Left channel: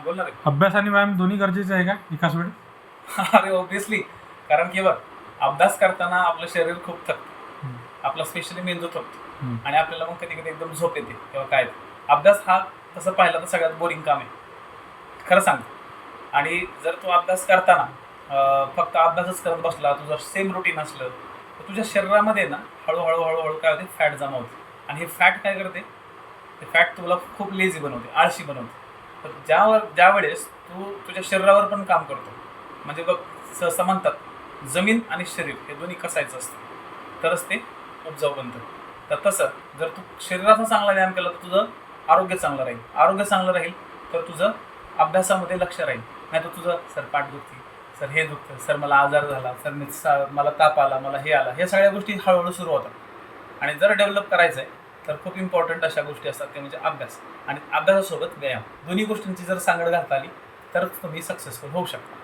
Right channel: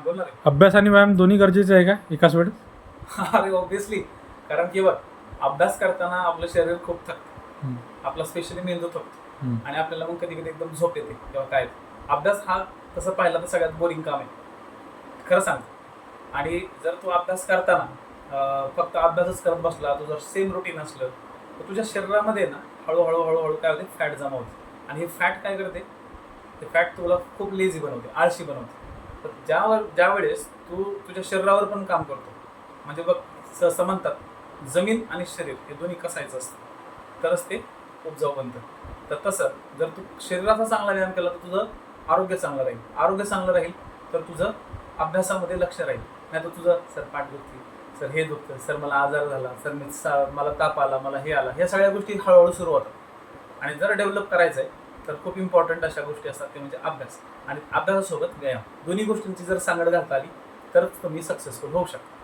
बोलणार आहे. अभ्यास आणि व्यायाम दोन्ही गरजेचे आहे का एकाच वेळेस? अरे ऑब्विसली, कारण की बघ, अभ्यास करताना आपलं शरीर खूप थकतं, हम्म, आपला स्पेशली मेंदू थकतो हम्म, आणि आपल्याला मग कधी कधी एकदम झोप येते किंवा काय. अभ्यास हा तसं पाहिलं तर सगळ्यात बोरिंग काम आहे, खरं सांगतो. आणि जर तू अभ्यास करताना फक्त अभ्यासच करत बसला, तुझं सेम रुटीन असलं, तर तुझ्या शरीरामध्ये ना हळूहळू हळूहळू काय होते, फॅट जमा होते. आणि हे फॅट काय करते, ते फॅट तुला खूप लेझी बनवते, आळशी बनवते. तर ज्यावेळेस तू तुझ्या शरीरावर पण काम करतो, म्हणजे बघ, सहसा म्हणतात जमीन आणि शरीर हे दोन्ही कसायचं असतं तरच ते उपजाऊ बनतं. तर तसं जर तू शरीराचा चांगला व्यायाम केला तर तुझं आरोग्य चांगलं राहील, आरोग्य चांगलं राहील तर तुझं अभ्यासामध्ये लक्ष राहील. नाही तर तुझं सर पाठ दुखती, सर हे दुखतं, सर मला आजार झाला, सर मला ताप आला, मला हे आला, ह्या सगळ्या गोष्टी हळूहळू सुरू होतात. आणि जर डेव्हलप करायचं आहे तर खूप इम्पॉर्टंट अशा गोष्टी असतात ते म्हणजे अभ्यास आणि अभ्यासासोबत व्यायाम, दोन्ही गोष्टींची जर सांगड घालता आली तर तुम्ही सक्सेसफुल होऊ शकता.